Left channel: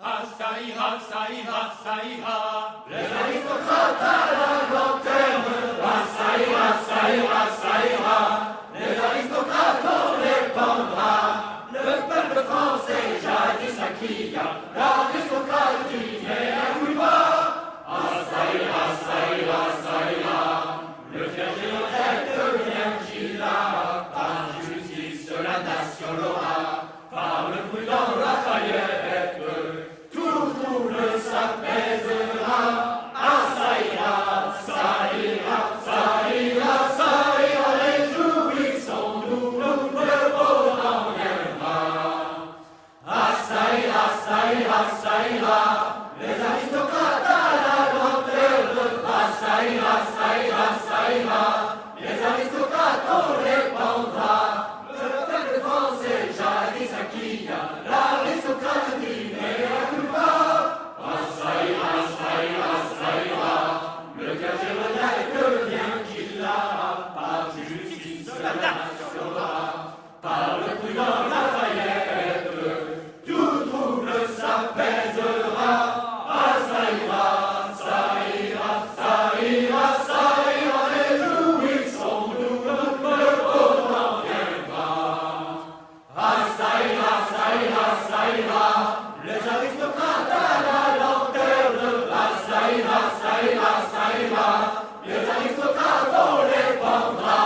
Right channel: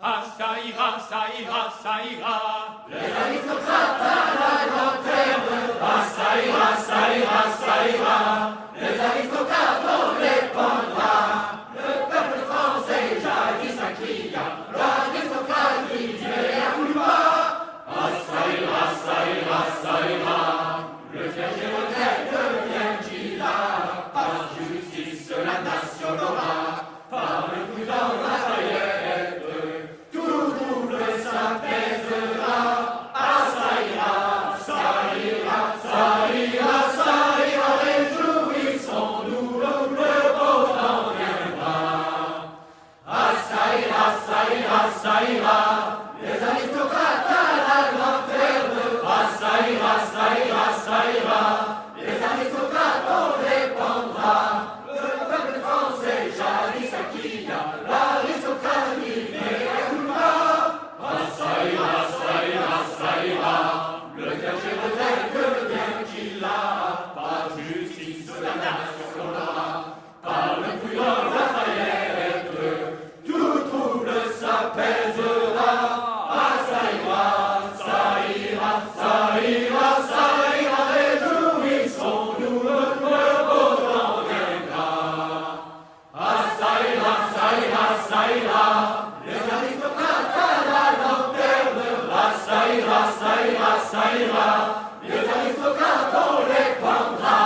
Ah, ça ira, ça ira, ça ira. Les aristocrates à la lanterne. Ah, ça ira, ça ira, ça ira. Les aristocrates on les pendra. Le peuple français jadis acquis, l'aristocratie est à plus bas. Ah, ça ira, ça ira, ça ira. Le clergé retraite bien qu'il a. Par justice la nation l'aura. Par le prudent Lafayette, tout trouble s'apaisera. Ah, ça ira, ça ira, ça ira, ça ira. Réjouissons-nous, le beau temps viendra. Ah, ça ira, ça ira, ça ira. Les aristocrates à la lanterne. Ah, ça ira, ça ira, ça ira. Les aristocrates on les pendra. Le peuple français jadis acquis, l'aristocratie n'est à plus bas. Ah, ça ira, ça ira, ça ira. Le clergé retraite bien qu'il a. Par justice la nation l'aura. Par le prudent Lafayette, tout trouble s'apaisera. Ah, ça ira, ça ira, ça ira, ça ira. Réjouissons-nous, le beau temps viendra. Ah, ça ira, ça ira, ça ira. Les aristocrates à la lanterne. Ah, ça ira, ça ira, ça ira. Les aristocrates on les pendra.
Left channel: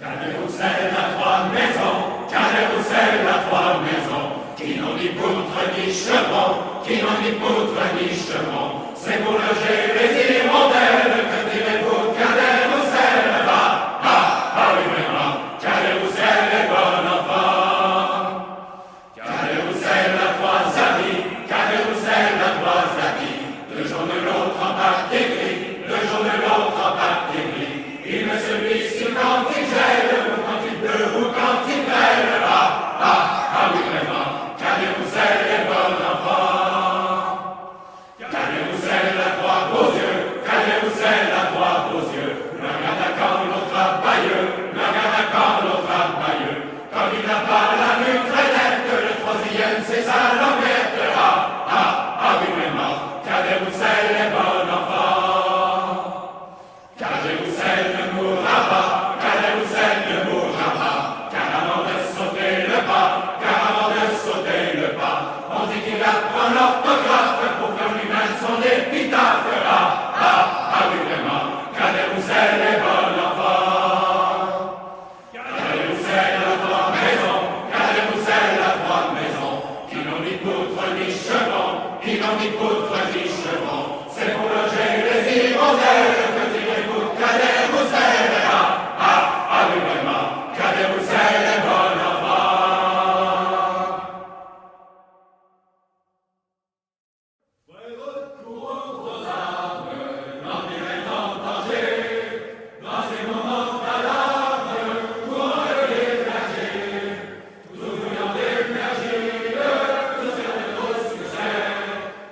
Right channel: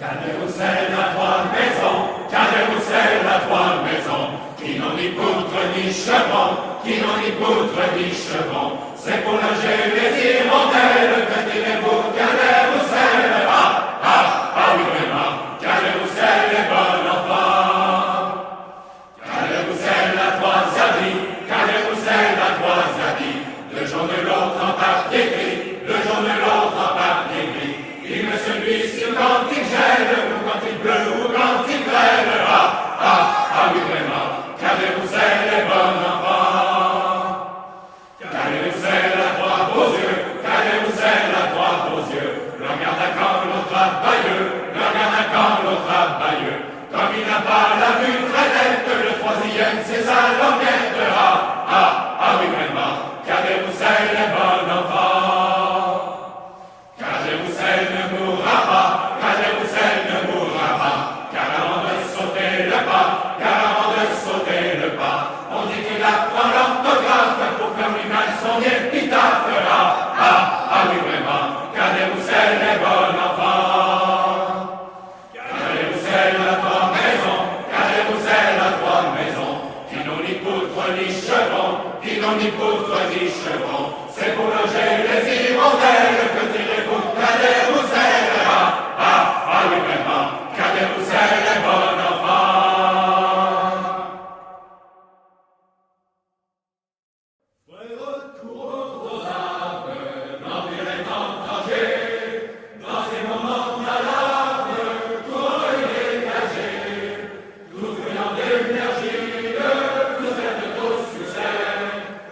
Cadet-Roussel à trois maisons, Cadet-Roussel à trois maisons, qui n'ont ni poutre ni chevron, qui n'ont ni poutre ni chevron. C'est pour loger les hirondelles que direz-vous, Cadet-Roussel? Ah, ah, ah oui vraiment, Cadet-Roussel est bon enfant. Cadet-Roussel a trois habits, Cadet-Roussel a trois habits, le jaune de l'autre en papier gris, le jaune de l'autre en papier gris. Il me celui-ci quand il gèle, ou quand il pleut, ou quand il grêle. Ah, ah, ah oui vraiment, Cadet-Roussel est bon enfant. Cadet-Roussel a trois beaux yeux, Cadet-Roussel a trois beaux yeux. L'un garde à quand, l'autre à Bayeux, l'un garde à quand, l'autre à Bayeux. Comme il n'a pas la vue très nette, le troisième c'est sa languette. Ah, ah, ah oui vraiment, Cadet-Roussel est bon enfant. Cadet-Roussel ne mourra pas, Cadet-Roussel ne mourra pas, car avant de sauter le pas, car avant de sauter le pas, on dit qu'il apprend l'orthographe pour faire lui-même son épitaphe. Ah, ah, ah oui vraiment, Cadet-Roussel est bon enfant. Cadet-Roussel a trois maisons, Cadet-Roussel a trois maisons, qui n'ont ni poutre ni chevron, qui n'ont ni poutre ni chevron. C'est pour loger les hirondelles que direz-vous, Cadet-Roussel? Ah, ah, ah oui vraiment, Cadet-Roussel est bon enfant. Frères, courons aux armes, l'Empire est en danger. Dans ces moments d'alarme, courons et dégagez. Tout venant d'énergie, nous faire de beaux succès.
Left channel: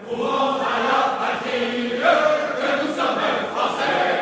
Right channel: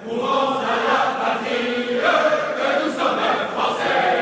Courons à la patrie, que nous sommes Français.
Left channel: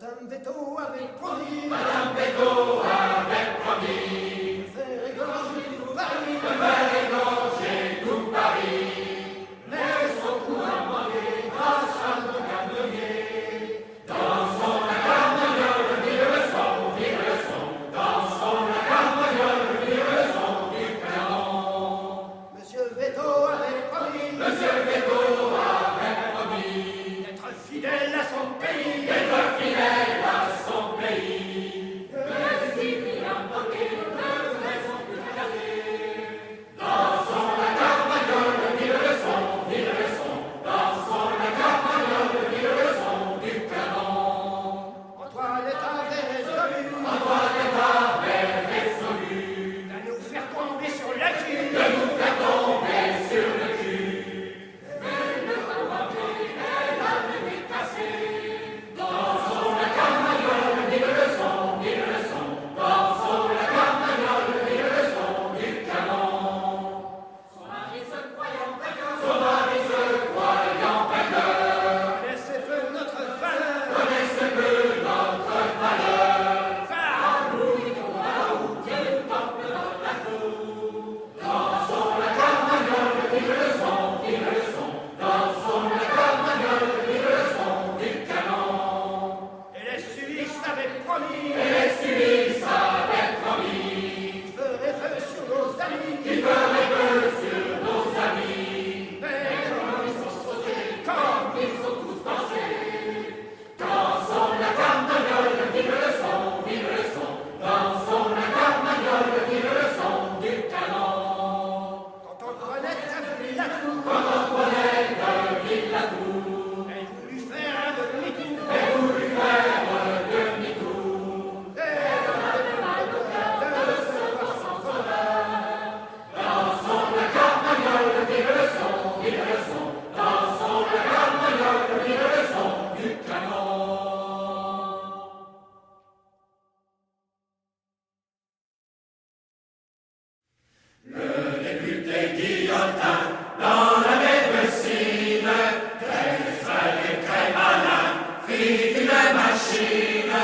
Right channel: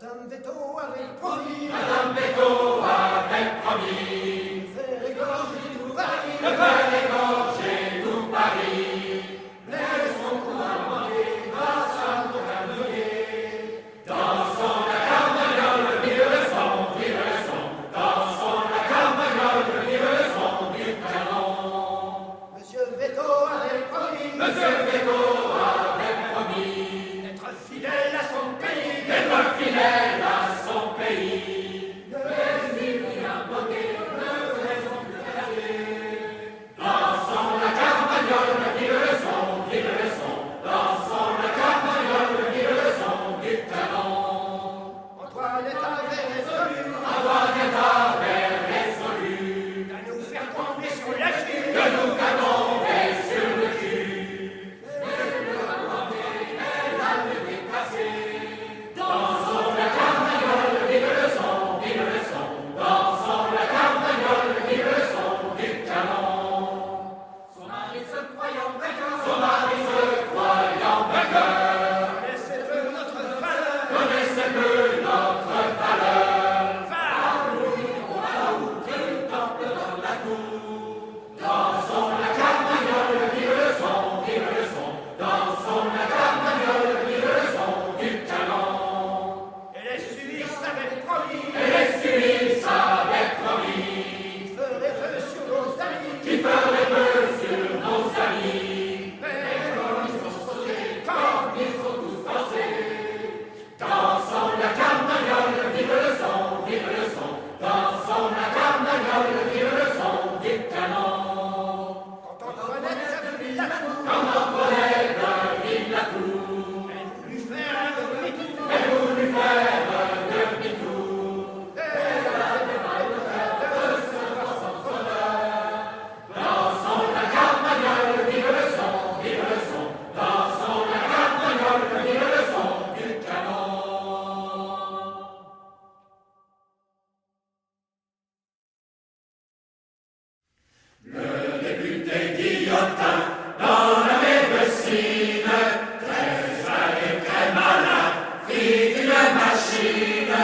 Madame Veto avait promis, Madame Bégaud avait promis de faire égorger tout Paris, de faire égorger tout Paris. mais son coup a manqué grâce à nos canonniers. Dansons la carmagnole, vive le son, vive le son. Dansons la carmagnole, vive le son du canon. Monsieur Veto avait promis, Monsieur Bégaud avait promis d'être fidèle à son pays, d'être fidèle à son pays. Dansons la carmagnole, vive le son, vive le son. Dansons la carmagnole, vive le son du canon. Antoinette avait résolu Antoinette avait résolu de nous faire tomber sur la cul. de nous faire tomber sur le cul. Dansons la carmagnole, vive le son, vive le son. Dansons la carmagnole, vive le son du canon. Son mari se croyant vainqueur, Son mari se croyant vainqueur connaissait peu notre valeur. connaissait peu notre valeur. Va, Dansons la carmagnole, vive le son, vive le son. Dansons la carmagnole, vive le son du canon. et les Suisses avaient promis Et les Suisses avaient promis qu'ils feraient feu sur nos amis. qu'ils feraient feu sur nos amis. Mais comme ils ont sauté, comme ils ont tous dansé, Dansons la carmagnole, vive le son, vive le son. Dansons la carmagnole, vive le son du canon. quand Antoinette a vu la tour, Quand Antoinette vit la tour, elle voulut faire un demi-tour. elle voulut faire demi-tour. Elle avait mal au cœur de se voir sans honneur. Dansons la carmagnole, vive le son, vive le son. Dansons la carmagnole, vive le son du canon. Le député Guillotin, dans la médecine, très sale et très malin, fit une machine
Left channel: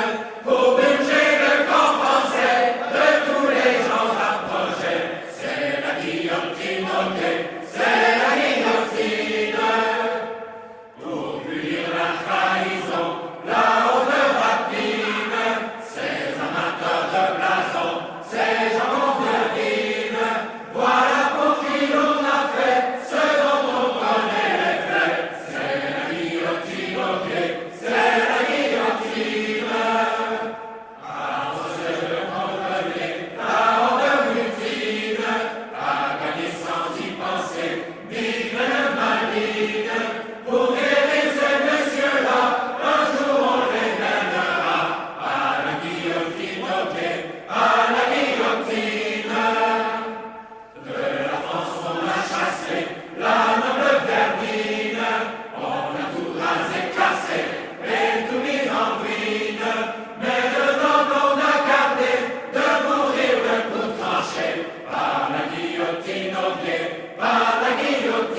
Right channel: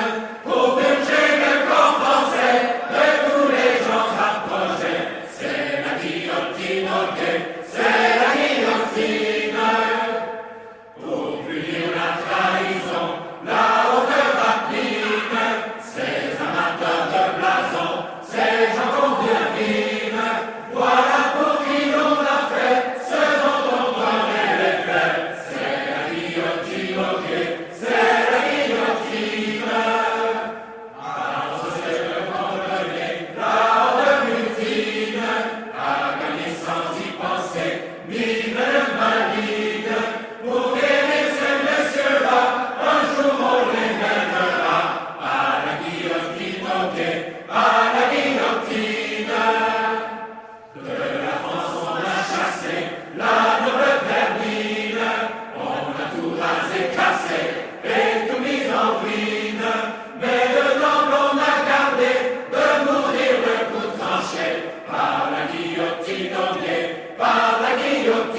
pour purger le corps français de tous les gens approchés. C'est la guillotine, ok, c'est la guillotine. Pour punir la trahison, la haute rapine, ces amateurs de blason, ces gens qu'on devine, voilà pour qui l'on a fait ce dont on connaît les faits. C'est la guillotine, ok, c'est la guillotine. Alors c'est le condamné, la haute mutine, a gagné sans y penser, mille maligne. Pour guérir ces messieurs-là, un jour on les mènera à la guillotine, ok, à la guillotine. De la France on a chassé la noble vermine, on a tout rasé, cassé et tout mis en ruine. Mais de noble on a gardé de mourir le coup tranché par la guillotine, ok, par la guillotine.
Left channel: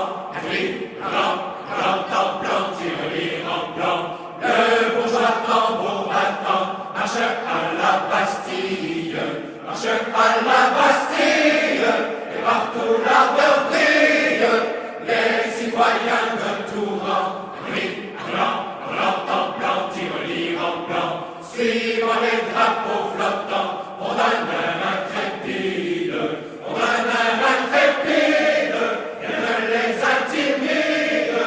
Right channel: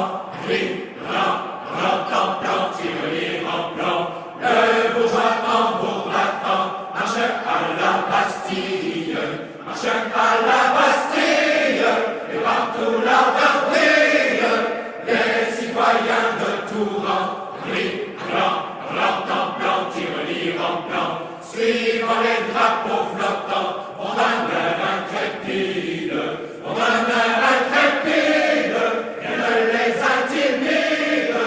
enfants, gris, blanc, blanc, tirelire en blanc. Le bourgeois tambour battant marche à la Bastille, marche à la Bastille, et partout l'ardeur brille. Les citoyens de tout rang, gris, blanc, tirelire en blanc, suivant les drapeaux flottants, vont d'un air intrépide, vont d'un air intrépide, rien ne les intimide.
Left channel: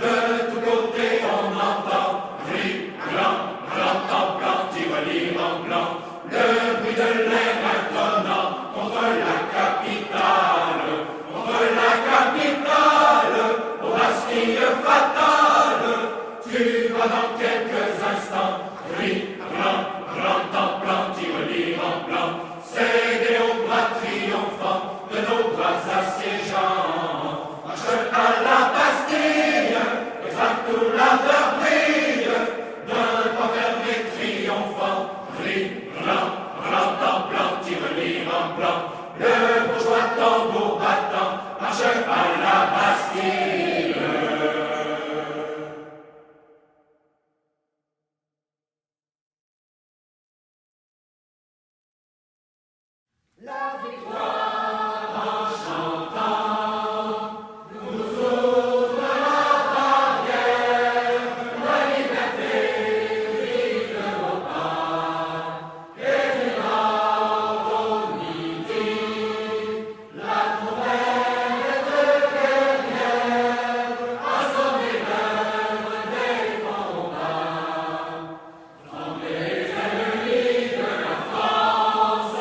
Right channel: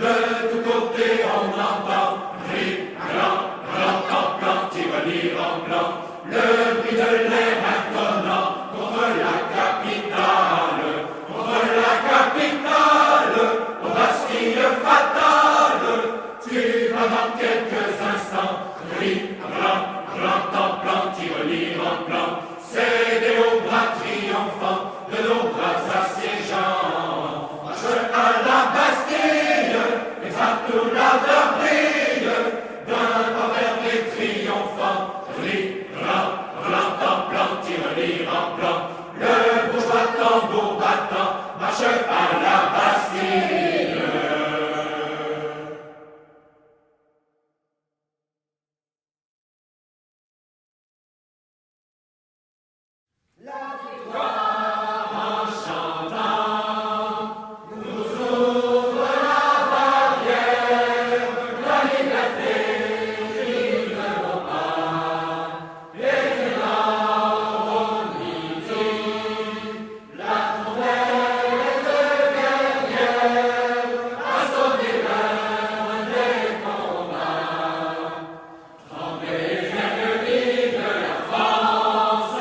De tous côtés on entend gris, blanc, tirelire en blanc, le bruit de l'air intonant contre la capitale, aux Bastilles fatales. Tu vas dans quelques instants, gris, blanc, tirelire en blanc, céder aux bras triomphants de nos bras assiégeants. Marche à la Bastille, et partout l'ardeur brille, d'un envers triomphant, gris, blanc, tirelire en blanc, le bourgeois tambour battant marche à la Bastille. La victoire en chantant nous ouvre la barrière, la liberté brille de nos pas, et du nord au midi, la trompette guerrière a sonné l'heure des combats. Tremblez les ennemis de la France,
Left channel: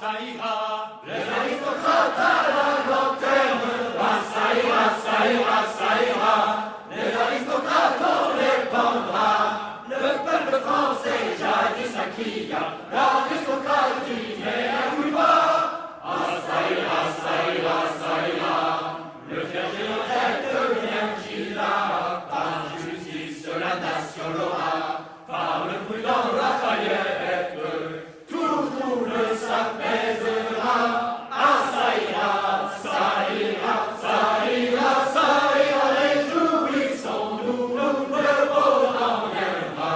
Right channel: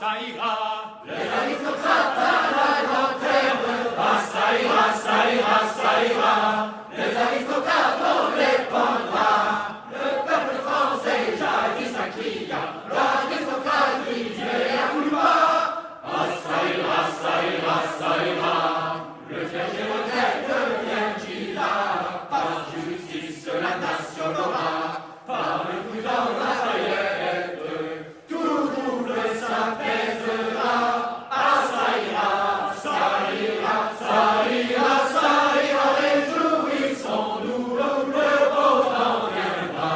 ça ira. Les aristocrates à la lanterne, ça ira. Les aristocrates on les pendra. Le peuple français jadis a crié, l'aristocratie est à coup bas. Ça ira. Le clergé retraite bien qu'il a, par justice la nation l'aura, par le prudent Lafayette, tout trouble s'apaisera. Ça ira, réjouissons-nous, le beau temps viendra.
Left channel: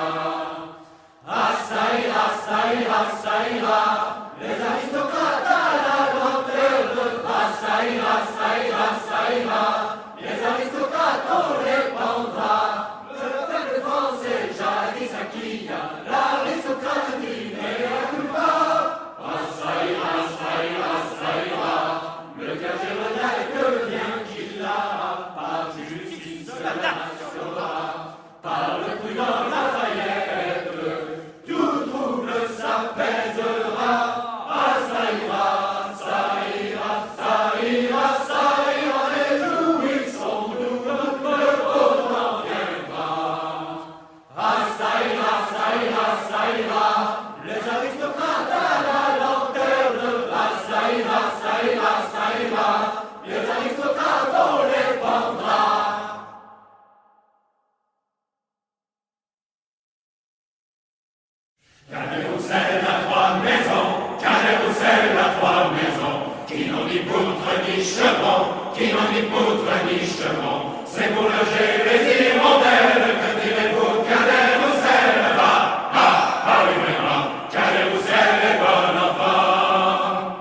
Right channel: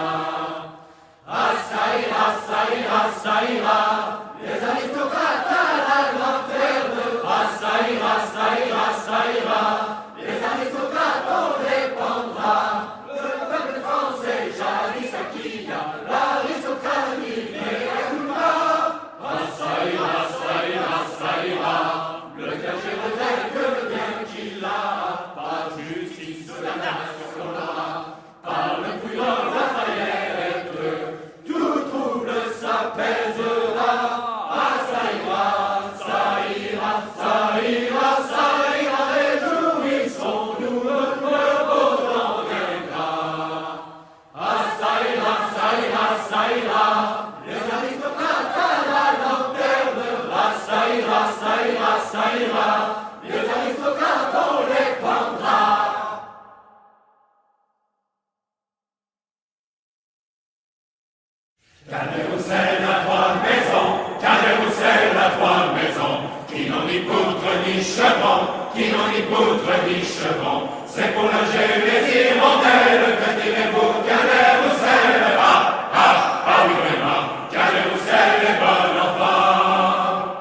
Ça ira, les aristocrates à la lanterne. Ça ira, les aristocrates on les pendra. Le peuple français jadis acquis, l'aristocratie n'est à coup pas. Ça ira, le clergé retraite bien qu'il a, par justice la nation l'aura, par le prudent Lafayette, ni poutre ni chevron, qui n'ont ni poutre ni chevron. C'est pour loger les hirondelles, que direz-vous, Cadet-Roussel? Ah oui vraiment, Cadet-Roussel est bon enfant.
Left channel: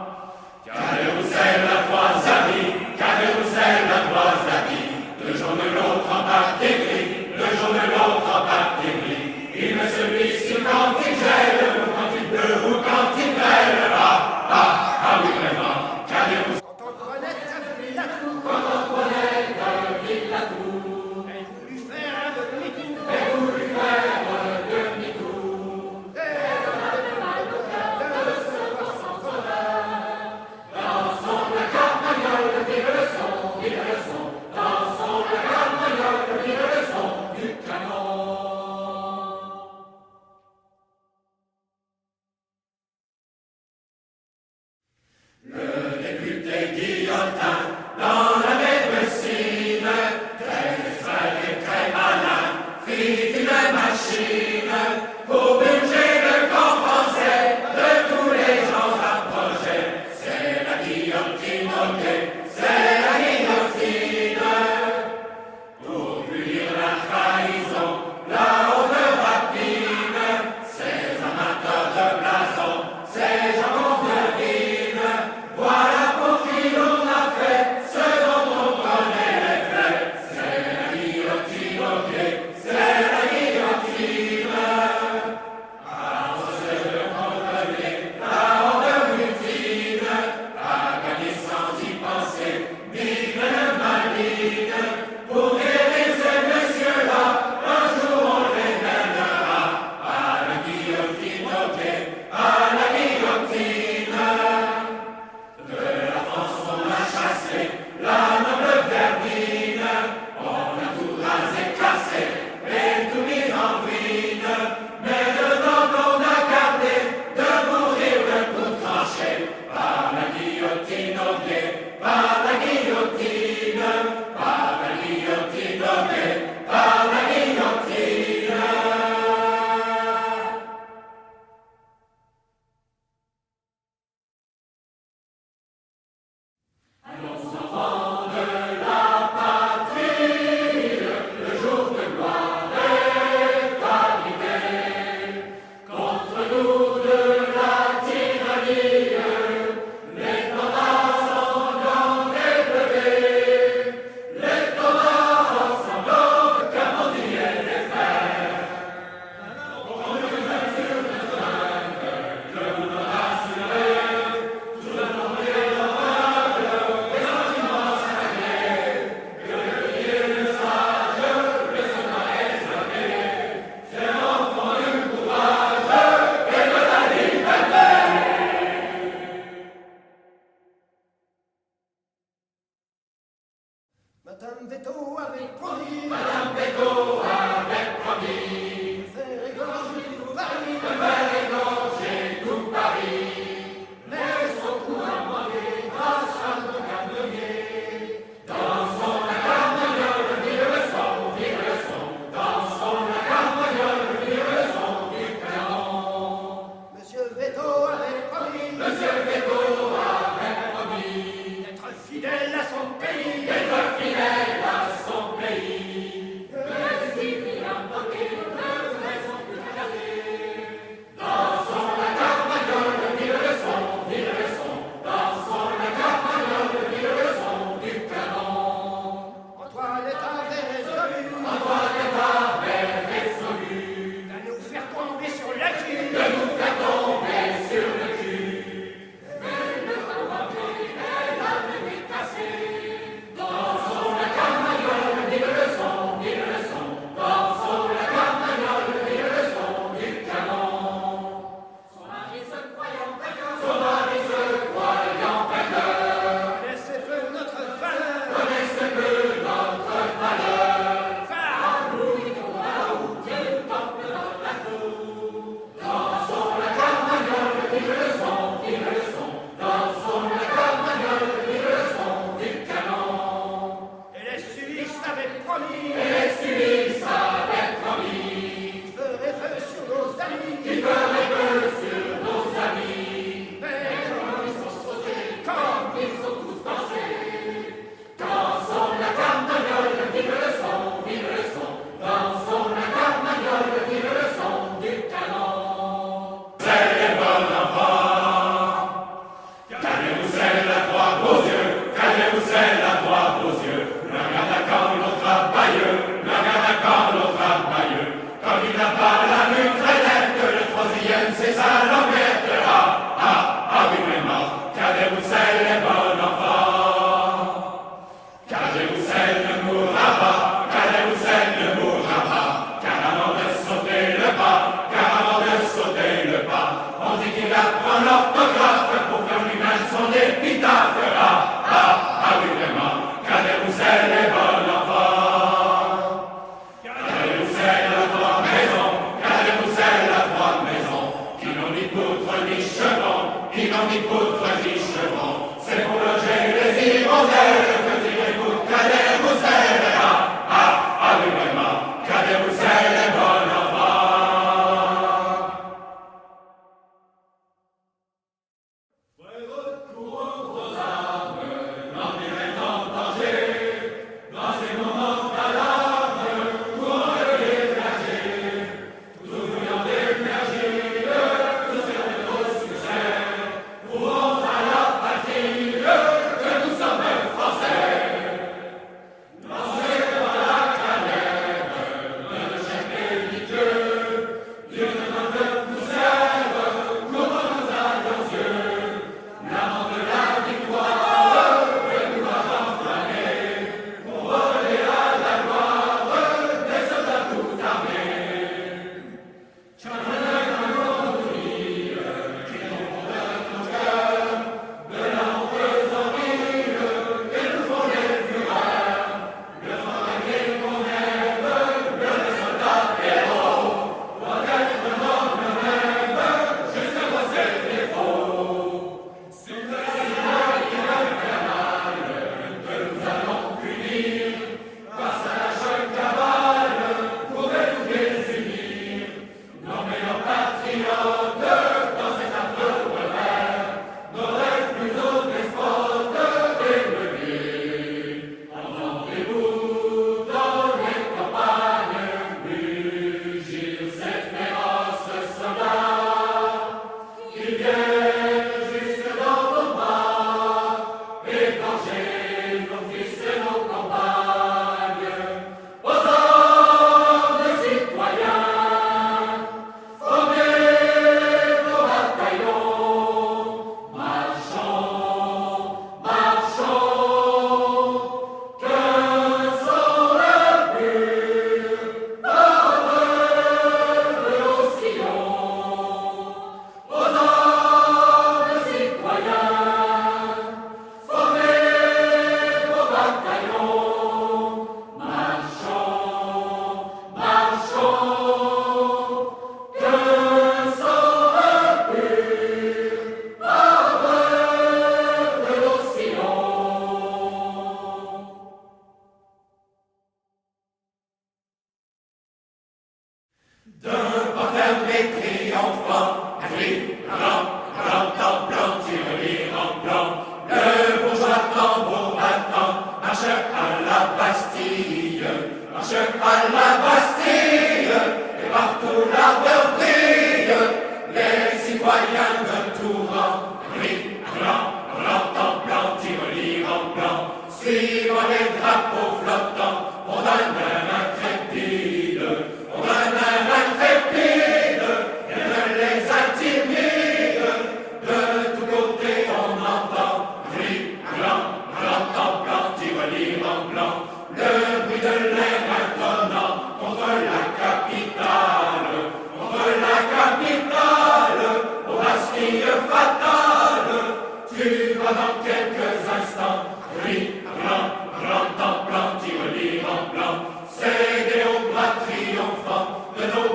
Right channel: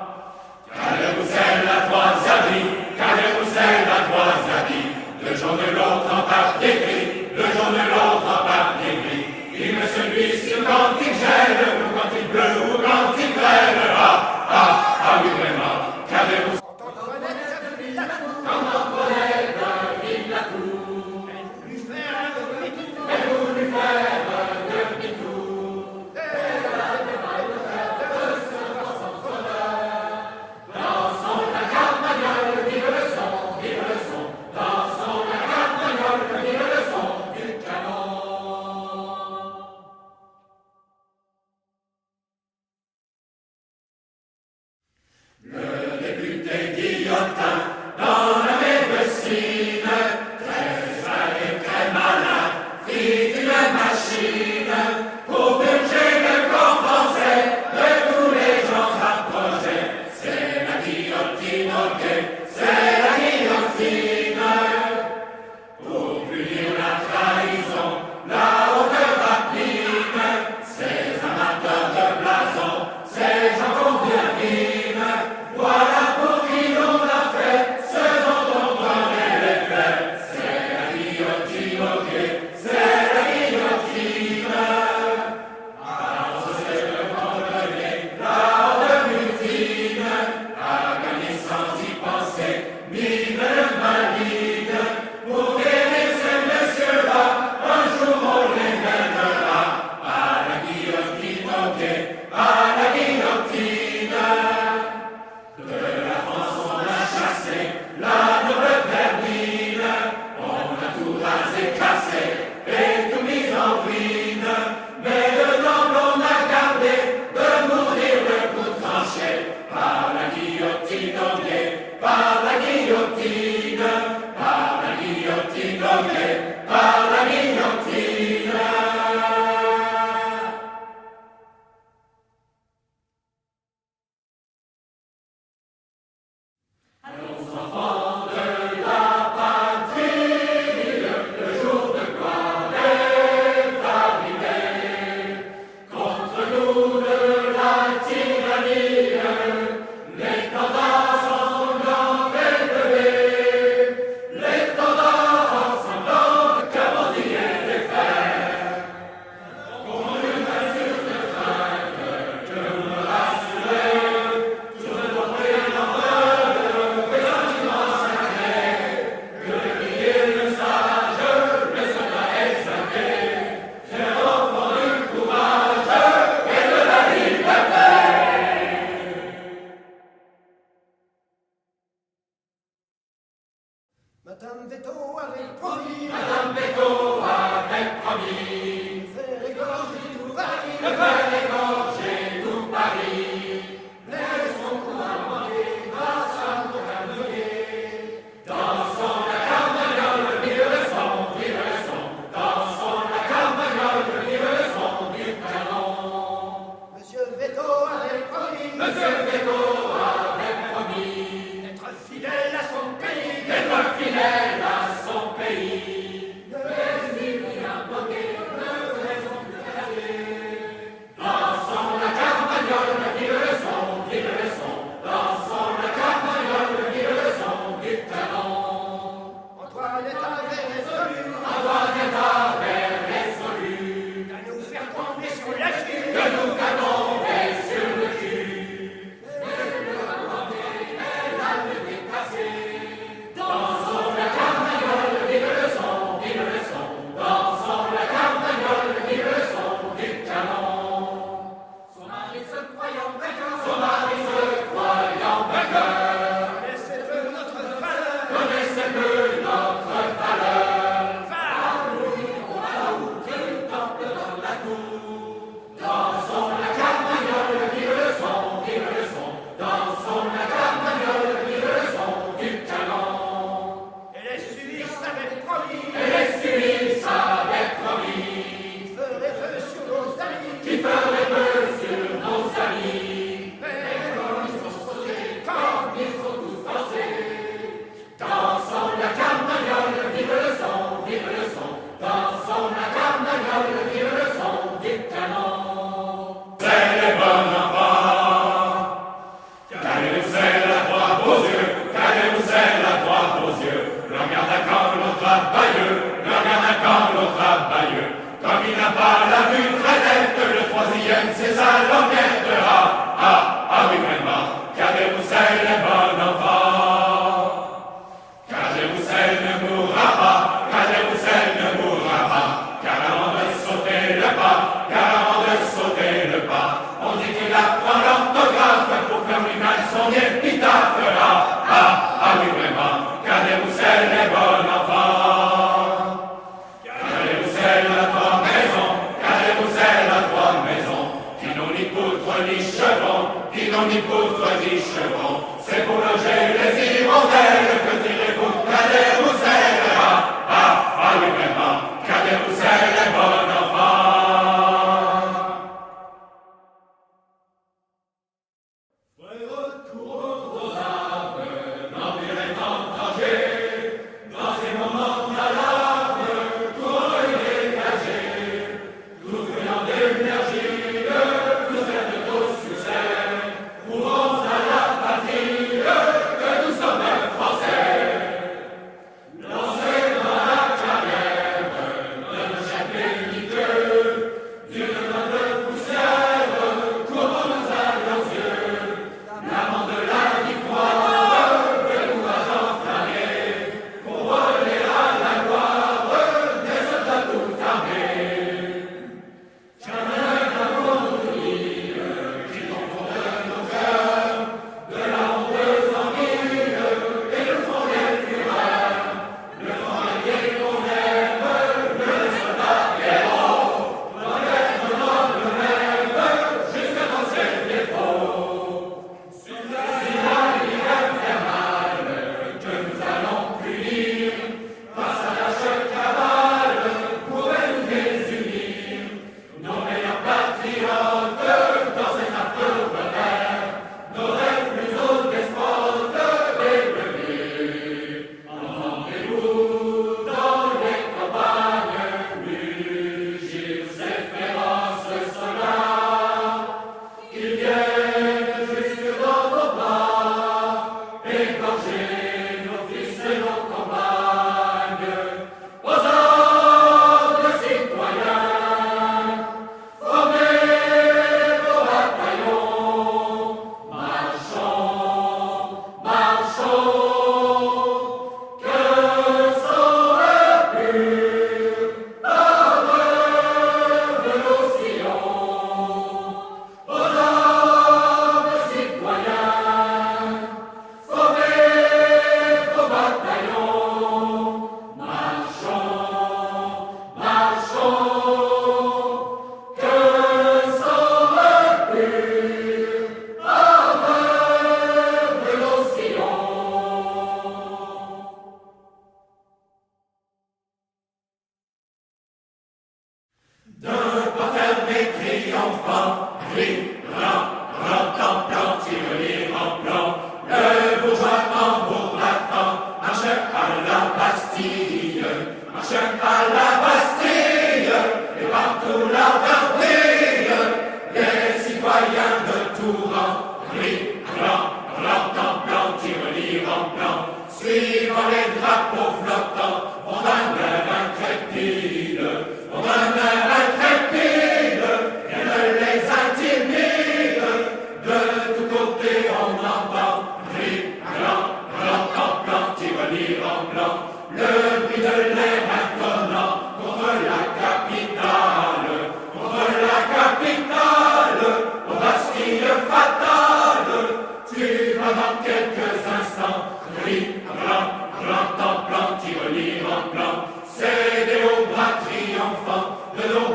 Cadet-Roussel a 3 habits, Cadet-Roussel a 3 habits. Le jaune de l'autre en papier gris, le jaune de l'autre en papier gris. Il met celui-ci quand il gèle, ou quand il pleut, ou quand il grêle. Ah oui vraiment, Cadet-Roussel. Quand Antoinette vide la tour, elle voulut faire un demi-tour, elle avait mal au cœur de se voir sans bonheur. Dans son carmagnole, vive le son, dans son carmagnole, vive le son du canon. Le député Guillotin, dans la médecine, très espagé, très malin, fit une machine pour purger le camp français de tous les gens approchés. C'est la guillotine, ok, c'est la guillotine. Pour punir la trahison, la haute rapine, ces amateurs de blason, ces gens qu'on devine, voilà pour qui l'on a fait ce dont on prenait les faits. C'est la guillotine, ok, c'est la guillotine. Alors c'est le condamné, la haute mutine, à gagner sans y penser, mine maligne. Pour guérir ces messieurs-là, un jour on les mènera à la guillotine, ok, à la guillotine. De la France on a chassé la noble vermine, on a tout rasé, cassé et tout mis en ruine. Mais le noble on a gardé de mourir le coup tranché par la guillotine, ok, par la guillotine, par la guillotine, ok, par la guillotine. Allons enfants Vienne, c'est sa languette, oui vraiment, Cadet-Roussel est bon enfant. Cadet-Roussel ne mourra pas, Cadet-Roussel ne mourra pas, car avant de sauter le pas, on dit qu'il apprend l'orthographe pour faire lui-même son épitaphe, oui vraiment, Cadet-Roussel est bon enfant. Cadet-Roussel a 3 maisons, Cadet-Roussel a 3 maisons, qui n'ont ni poutre ni chevron, c'est pour loger les hirondelles, que direz-vous, Cadet-Roussel, oui vraiment, Cadet-Roussel est bon enfant. Recourons aux armes, l'Empire est en danger, dans ces moments d'alarme, pour le dégager, tout venant d'énergie, tout faire de gros succès, courons à la patrie, que nous sommes Français. Lancez dans la carrière de chaque éliteux, d'une main de poussière, couvrons nos yeux, l'amant de la victoire, le courage enflammé, pour voler à la gloire des soldats tout armés. Jamais qu'un qu'on oublie, qui confondent nos cœurs, de la honteuse envie, et nous font les fureurs, le fantaisie qu'on aime, le soldat héros, doit être noble même, jusqu'à dans ses défauts. C'est la ligne infernale que nous allons punir, face à la choc cabale, pourrait nous désunir. Nos meilleurs patriotes, dans cet affreux revers, n'auraient plus haut despotes élevés. Entendez-vous dans les campagnes mugir ces féroces soldats qui viennent jusque dans nos bras, égorger nos fils et nos compagnes. Aux hommes citoyens, formez vos bataillons, marchons, que sont les purs ardeurs nos sillons. Aux hommes citoyens, formez vos bataillons, marchons, que sont les purs ardeurs nos sillons. De pas fermer triomphant, rentrant, plan, tirelire en plan, le bourgeois tambour battant, marche à la Bastille, et partout l'ardeur brille, les citoyens de tout rang, rentrant, plan, tirelire en plan, suivant les drapeaux flottants, on donne un intrépide, et ne les intimide. De tous côtés on entend plan, tirelire en blanc, le bruit de l'air intonant contre la capitale, aux Bastilles fatales. Tu vas dans quelques instants, plan, tirelire en blanc, céder aux bras triomphants de nos